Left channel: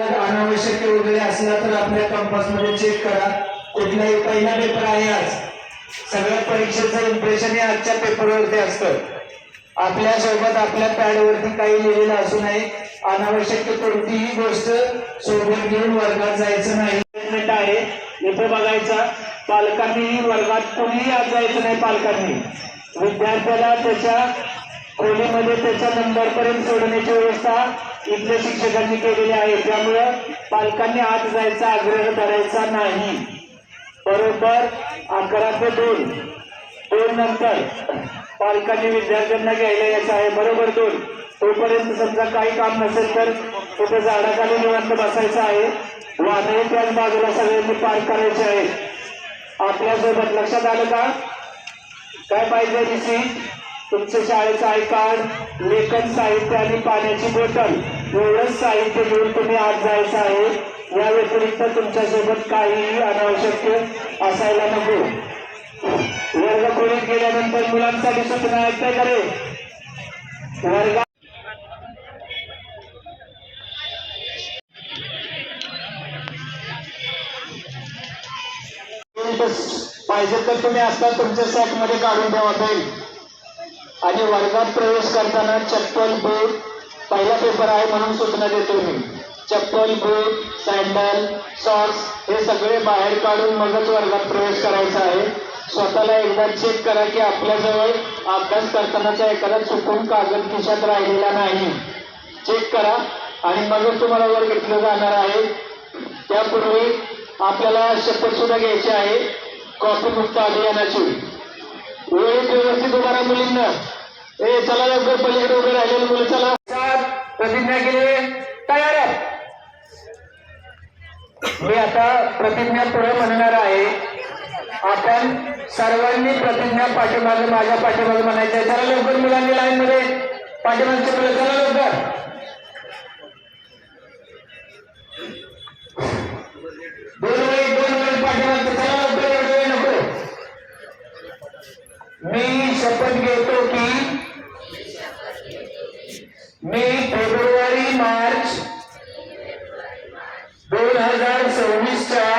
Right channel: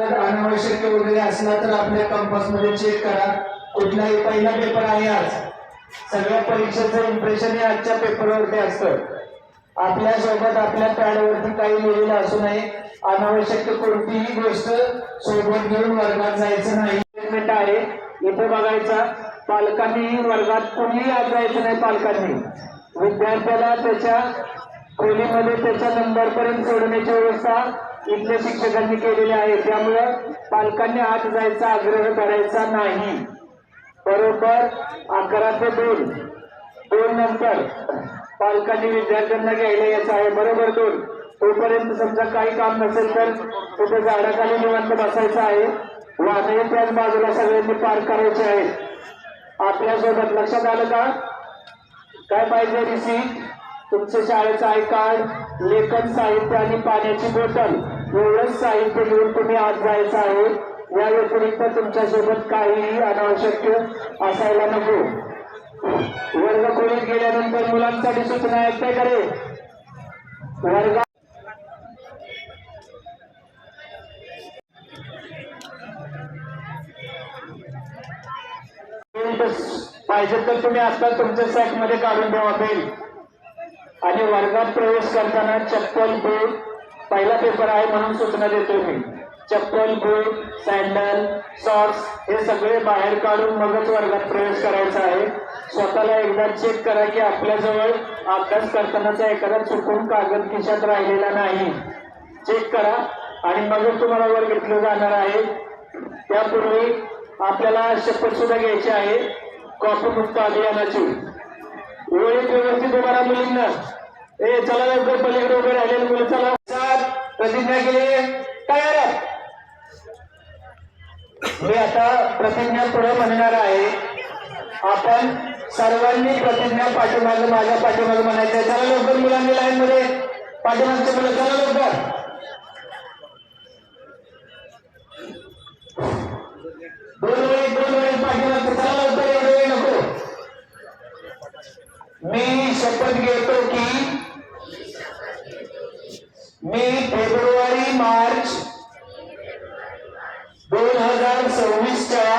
अनावश्यक वगैरे असला तर आपल्या कंपासमध्ये चेक करा. कुठलाही पहिला पेपर आहे आज. सगळ्या परीक्षेचं इम्प्रेशन हे आजच्या पेपरवरती असतं. आपल्यासोबत आपल्या पॅडवरती काही लिहिलेलं असू नये. अनावश्यक कोणतीही गोष्ट सोबत घेऊन वर्गात जायचं नाही. आहे. इथे बघायचा. पालकांनी वर्गात कोणीही आज जायचं नाही पालकांनी विद्यार्थ्याला त्याच्या खोलीमध्ये त्याच्या नंबर पर्यंत सोडण्याची व्यवस्था इथल्या शिक्षकांनी केलेली आहे. त्यामुळं पालकांनी आत जायचा आग्रह धरायचा नाही. बरोबर अकरा ते दोन. दोन नंतर पालकांनी विद्यार्थ्यांना घ्यायला यायचं आहे. बरोबर दोन. तोपर्यंत समजा काही काम नसेल तर तिथे झाडाखाली निवांत बसायचं आहे. वाहने त्याच बाजूला सगळ्यांनी पार करायचे आहेत. आपल्यासोबत लक्षात आलं का? काय पाहिजे रिसीट तुमचं शाळेचं आय कार्ड लेखन साहित्य आणि पाण्याची बॉटल एवढंच साहित्य घेऊन तुम्ही आज जायचं आहे. या व्यतिरिक्त तुमच्यासोबत काहीही अनावश्यक असायला नको. वर्ग खोलीत गेल्यानंतर मुलांसाठी सूचना आहेत करे वर्गात पाहिजे तर तुम्ही आता तुमच्या सॅकमध्ये काढून ठेवा पेन आणि वर्गात प्रवेश करताना चप्पल बूट पहिला पेपर आहे म्हणून सूचना देतो मी. चप्पल बूट सँडल सॉक्स हे सगळे बाहेर काढून मगच वर्गात प्रवेश करायचा आहे. स्वतःला एकदा चेक करा की आपल्याजवळ अभ्यास करतानाचा एखादा चुकून कागद खिशात राहिलेला नाही. चेक करा आणि मगच तुम्हाला वर घेतलं जाणार आहे. त्यापूर्वी आपल्याला शपथ सुद्धा घ्यायची आहे. कॉफी मुक्त अभियानाची वेळेत व्यवस्थित उभा राहा मुलींना. ए चला लवकर पलीकडे उभे राहिलेले मुलं चला. प्रतिज्ञा केली. तयार. मी आता प्रतिज्ञा पुढे म्हणणार आहे. आपण सर्वांनी प्रतिज्ञा पाठीमागे माझ्या पाठीमागे म्हणायचं आहे. चला लवकर मुलांनी लाईन मध्ये पाठीमागचे मुलं चला लवकर. दोन वेळी दोन वेळी पाठीमागचे चला लवकर एवढे वेळ नको मी शपथ घेतो की मी फेब्रुवारी मार्च दोन हजार सव्वीसच्या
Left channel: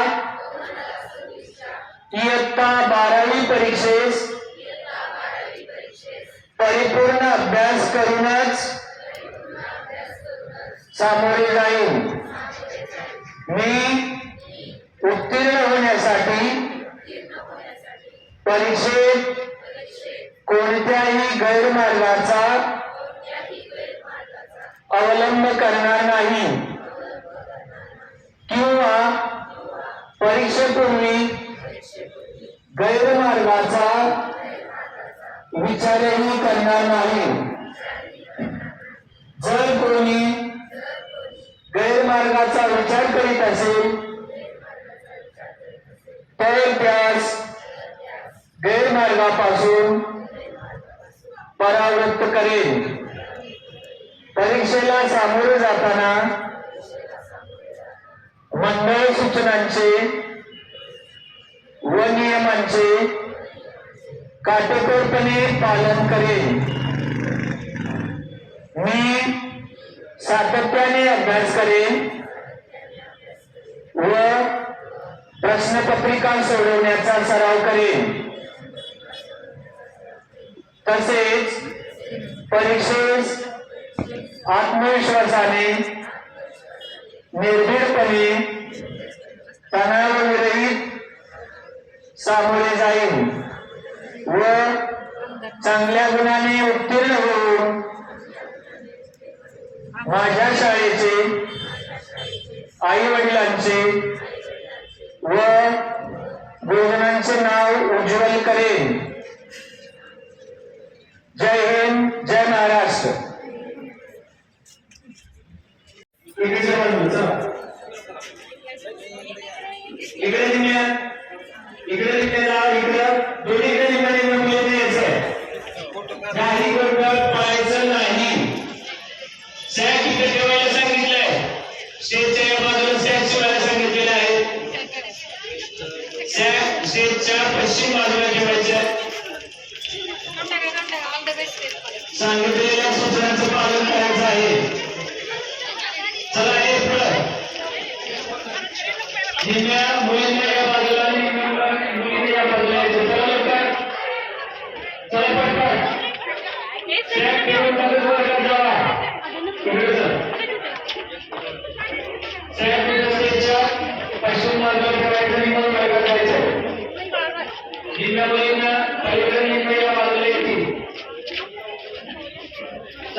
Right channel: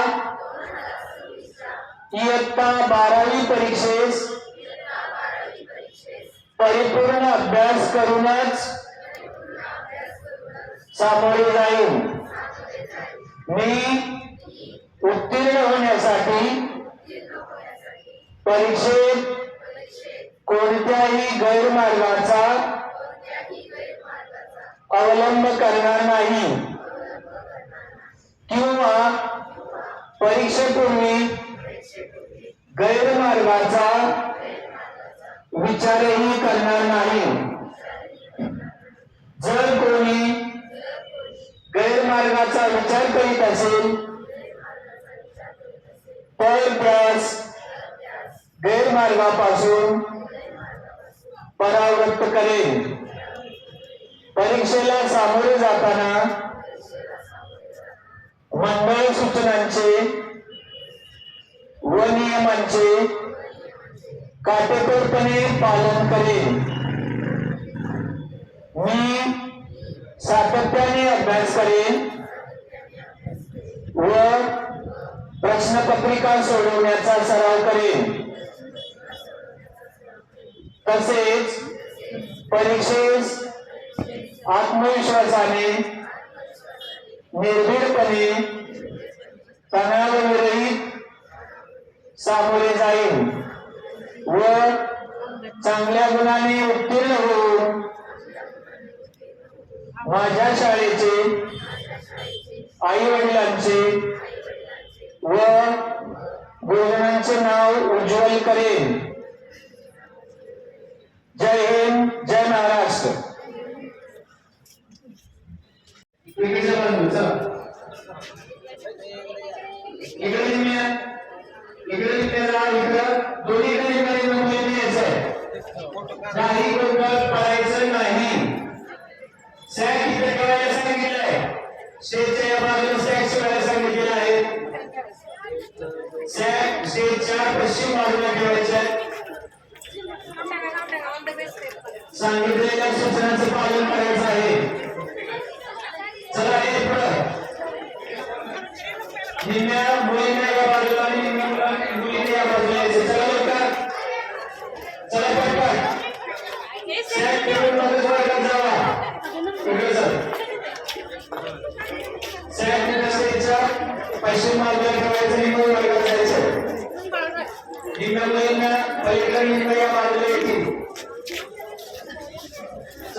इयत्ता बारावी परीक्षेस परिपूर्ण अभ्यास करूनच सामोरे जाईन. मी उत्तीर्ण होण्यासाठी परीक्षेत कोणत्याही गैरमार्गाचा अवलंब करणार नाही. किंवा परीक्षेपूर्वी गैरमार्गाचा विचारही करणार नाही. जर कोणी गैरमार्गाचा विचार करीत असेल तर त्यास गैरमार्गापासून परावृत्त करेन. परीक्षेला सामोरे जाताना मंडळ सूचनांचे व नियमांचे काटेकोरपणे पालन करेन. मी सातत्याने अभ्यास करेन व प्रश्नपत्रिका सोडवण्याचा सराव करेन. तसेच परीक्षेस आत्मविश्वासाने निर्भीडपणे तणावविरहित सामोरे जाईल व चांगल्या गुणाने उत्तीर्ण होऊन माझ्या शाळेचे आई वडिलांचे व गुरुजनांचे नाव उज्ज्वल करेन. Jai Hind, Jai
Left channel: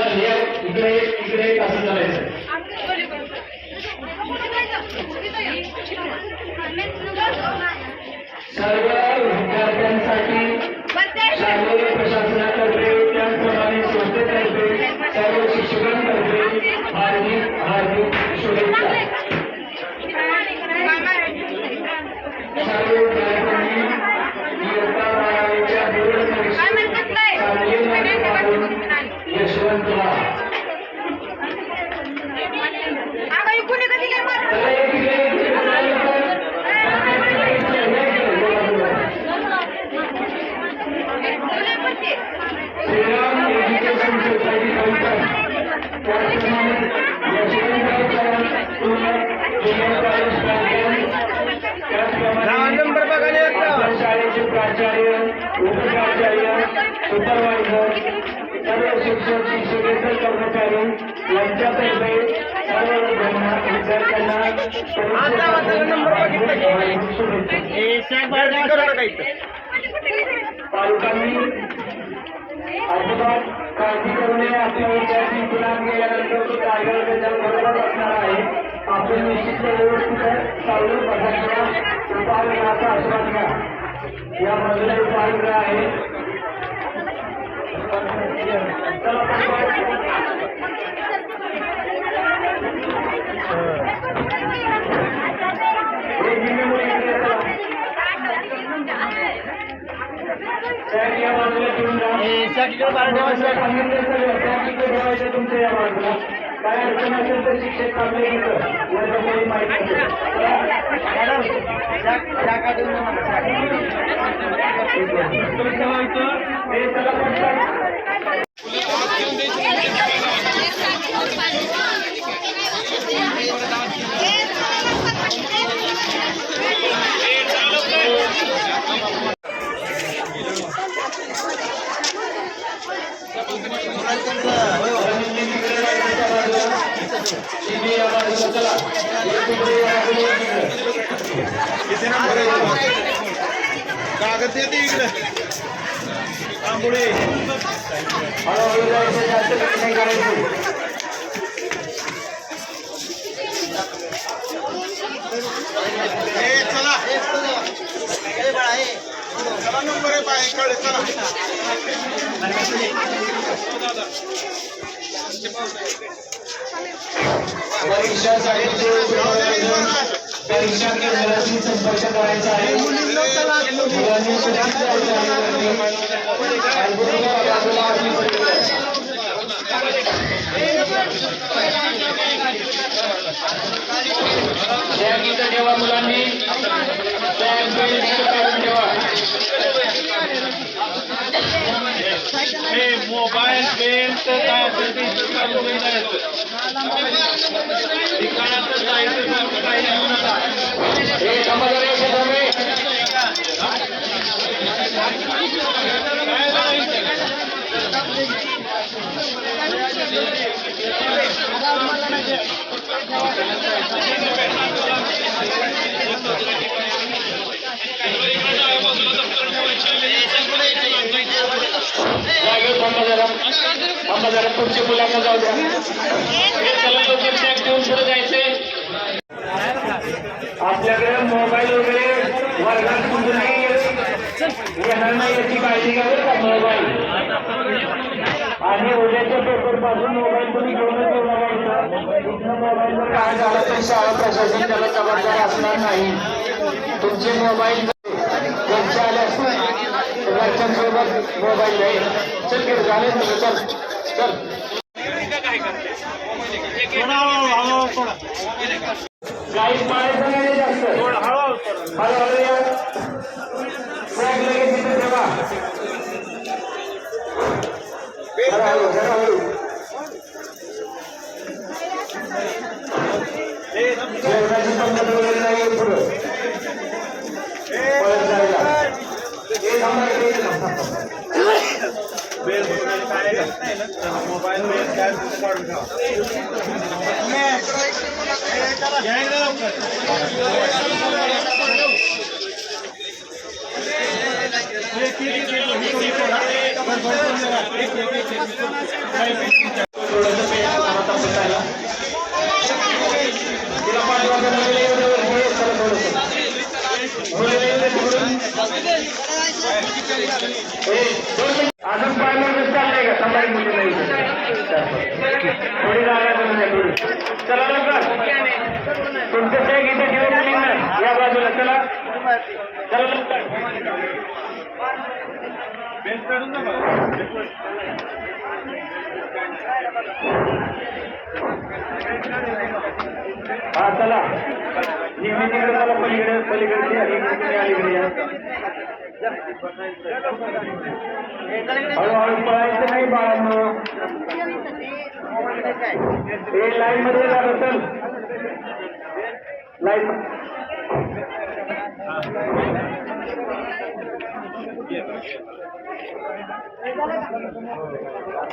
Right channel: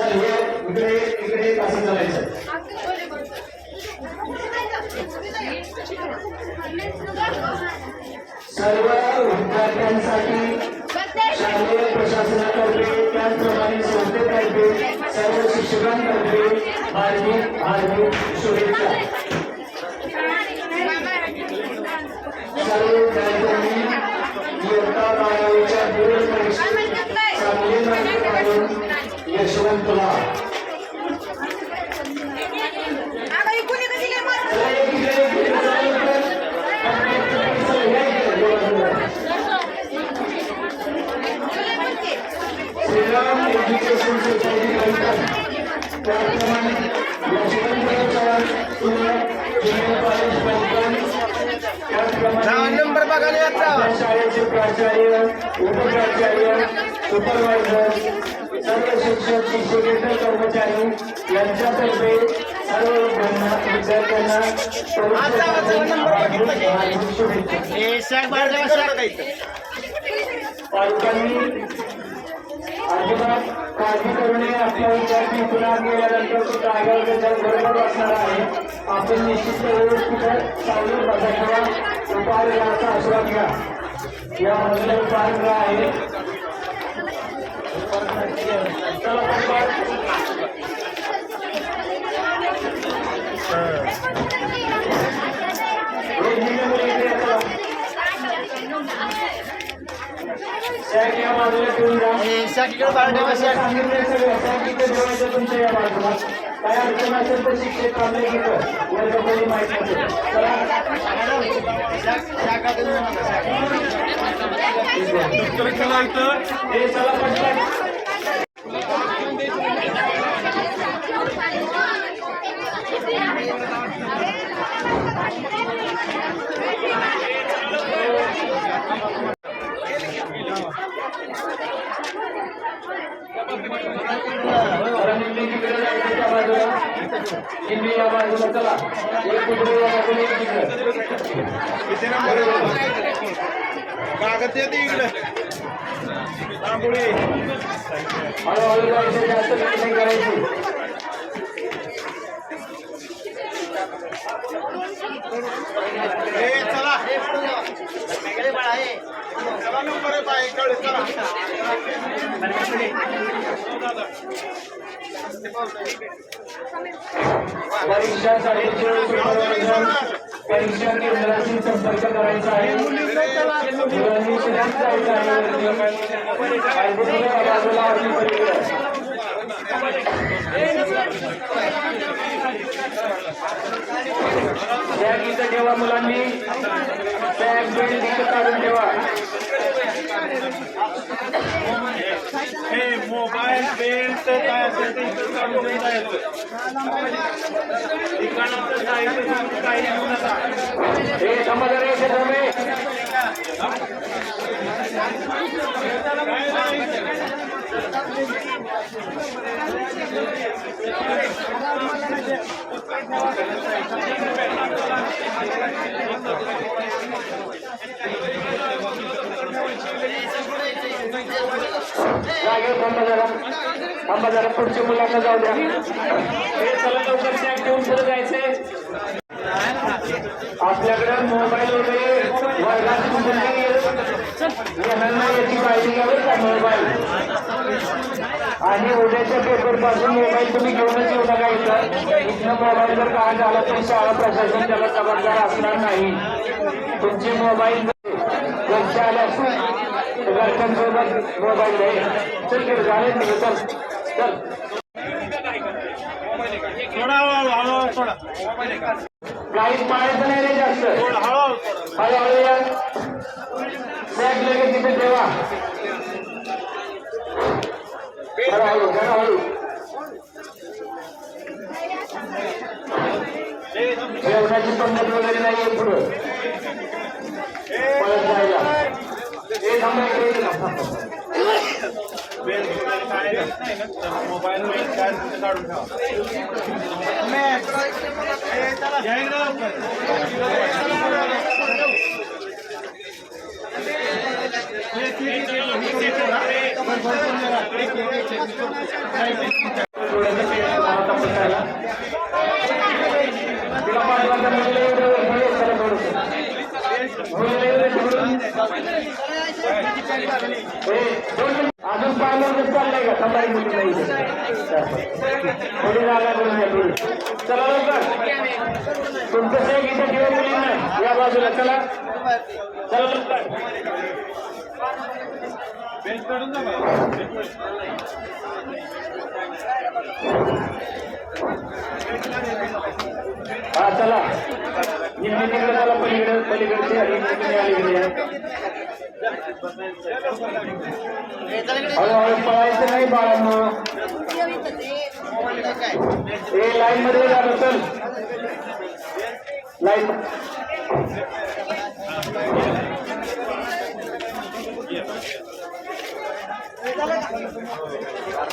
चल हे इकडे इकडे असं चालायचं सर्व विद्यार्थ्यांसाठी शालेय प्रशासनातर्फे त्याचप्रमाणे संस्थेतर्फे सर्व शिक्षकांतर्फे हार्दिक हार्दिक सर्व शिक्षक शिक्षकेतर कर्मचारी यांच्यातर्फे सर्व विद्यार्थ्यांना पालकांनी अजिबात काळजी करू नये. आपल्या विद्यार्थी पुन्हा गेल्यानंतर सुद्धा आगाऊ त्याच्यात बरोबर असणार आहे. आपण निश्चित व्यवस्थित चालू बघा. उपाहारगृहाचा आश्रय घ्या. या बाजूला उपाहारगृह आहे. शिक्षक काढले घेतं वर्ग कोणी माहिती असेल चला. हे चला पटकन निम्मी तिकडे जायचं त्या बाजूला निम्मी या बाजूला चला एक तिकडे या बाजूला एक तिकडे कागद येते इकडे हळूहळू जायचं जास्त नाही करायची. supervisor परीक्षा केंद्राशी संपर्क करायचा आहे. मुलांनी सुरक्षित जायचं आहे वरती. अर्धी मुलं या बाजूला अर्धी पलीकडे बॅग इथं ठेवा मुलांनी. बॅग बेल्ट इथं काढून ठेवा. मोबाईल बेल्ट काय असेल ते जायचं हे थांबा जरा एक थांबे जरा पुढच्या मुलांना जाऊ द्या हे चला लवकर सॅक ठेवून पुढे जायचंय आपल्याकडे मोबाईल वगैरे वर्गात कुठे नाही येणार नाही याची काळजी घ्यावी का मोबाईल. आणि उद्याच्या पेपरपासून मोबाईल तुम्ही घेऊनच येऊ नका इथं. मोबाईल जर काय झाला तर शाळा प्रशासन त्याला जबाबदार असणार नाही. तुमचे मोबाईल घरचे आले असतील घरच्यांसोबत मोबाईल नाही चल गिर झाले तुम्ही चल चल. काही पाळायचं नाही रे जास्त. हळूहळू या. बॅग लगेच तिथे ठेवा. हळू जरा हळू. जेवणाची पंगत वगैरे नाहीये पुढं. पळत जायला. हे थांबा इकडे इथे अजून पाय मोडून चाललंय का? थांबाई मुली नाही थोडी जागा करून द्या थोडी. चला लवकर. तुमचं शेक इथे ठेवा मुलींना या बाजूला. चला. हा चला नेहमी तिकडे चला. पलीकडे पलीकडची आणि इकडे अलीकडे हळूहळू पळायचं नाही बाळांनो हे लाईन मध्ये झालं चल लाईन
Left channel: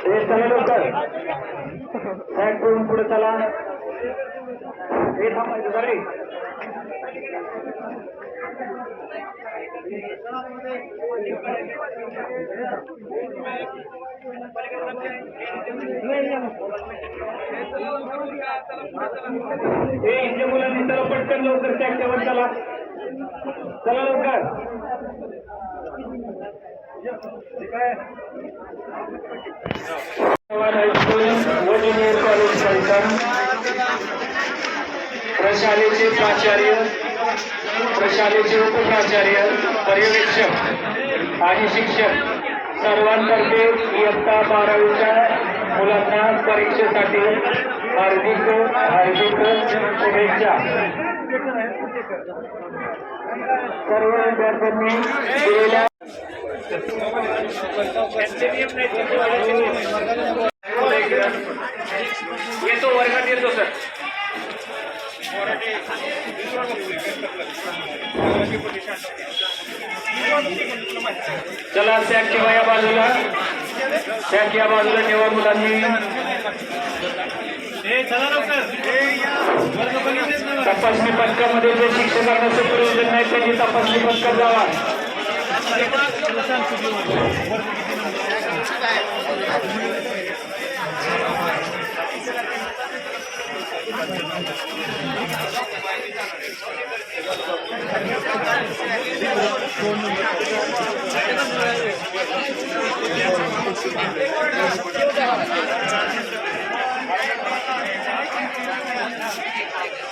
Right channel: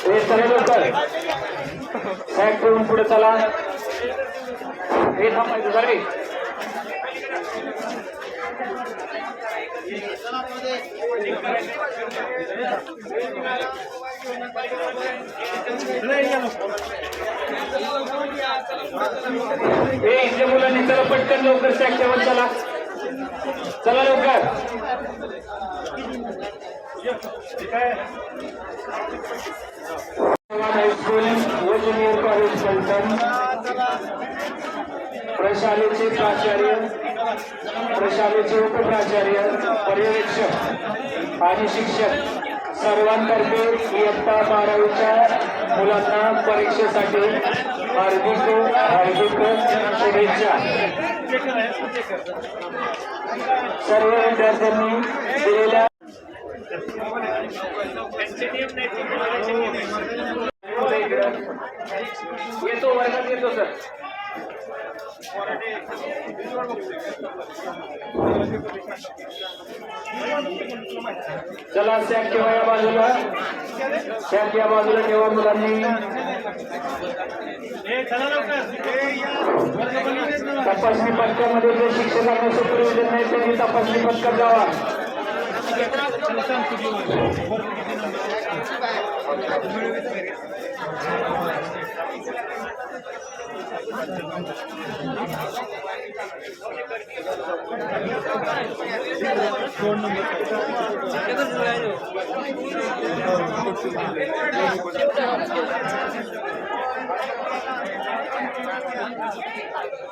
हे चला लवकर. सॅक ठेवून पुढे चला. हे थांबायचं जरा रे. हे इथल्या मुलांनी चला पटकन लवकर सॅक ठेवून चला. चला लवकर. हायस्कूल व ज्युनियर कॉलेज फलटण प्रशालेचे प्राचार्य प्रशालेचे उपप्राचार्य पर्यवेक्षक आणि शिक्षक सर्वांतर्फे इयत्ता बारावीच्या मुलांना परीक्षेसाठी हार्दिक हार्दिक शुभेच्छा. सर्व विद्यार्थ्यांनी दिलेल्या येतो वर्गात सर चला, सॅक या बाजूला। सॅक या बाजूला ठेवा मुलांनी तपासणी पथकामध्ये जे शिक्षकांना सुपरविजन नाही त्यांनी तपासणी पथकात जावा. change like this.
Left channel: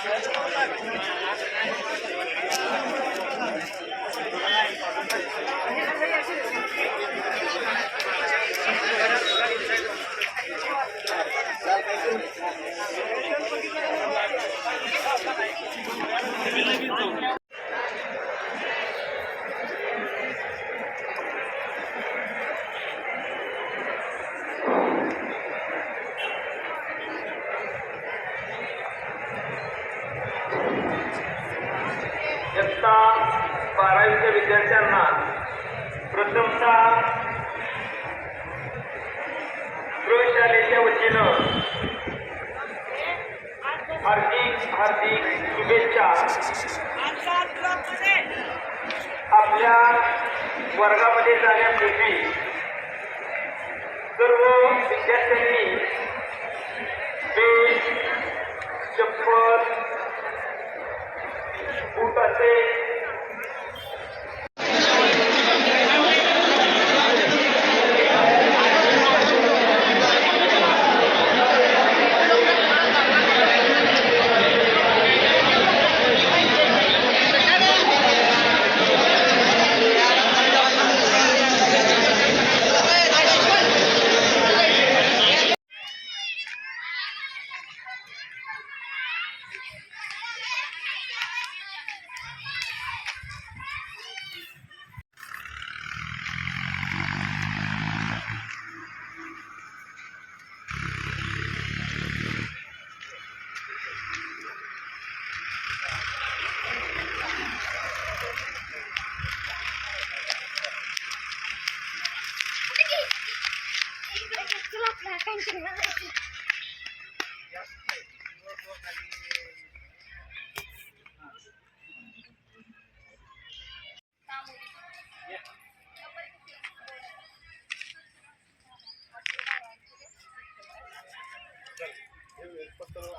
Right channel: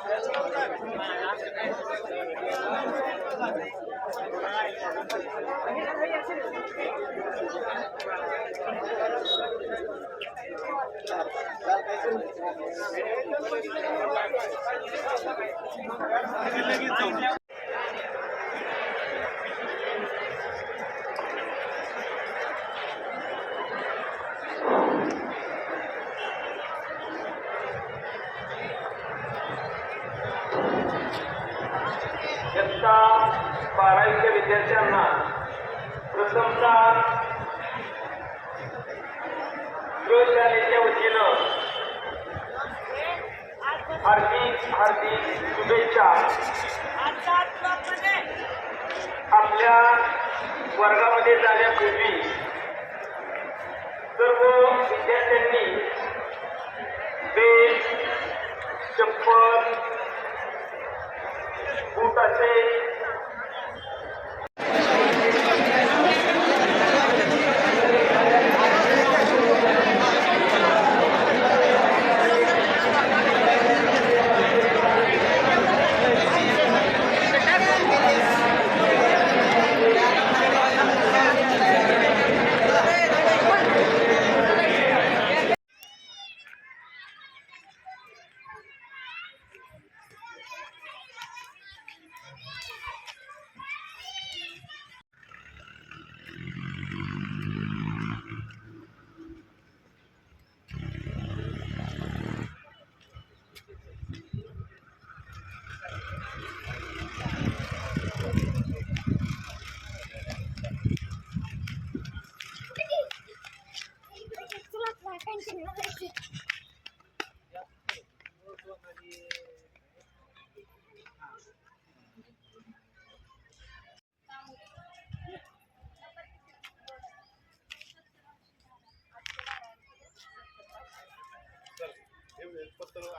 विद्यार्थ्यांना प्रथमता प्रयोगशाळेच्या वतीनं हार्दिक हार्दिक शुभेच्छा. आपल्या वर्गामध्ये जाण्यापूर्वी सर्व विद्यार्थ्यांनी बेल्ट चप्पल बुटाचे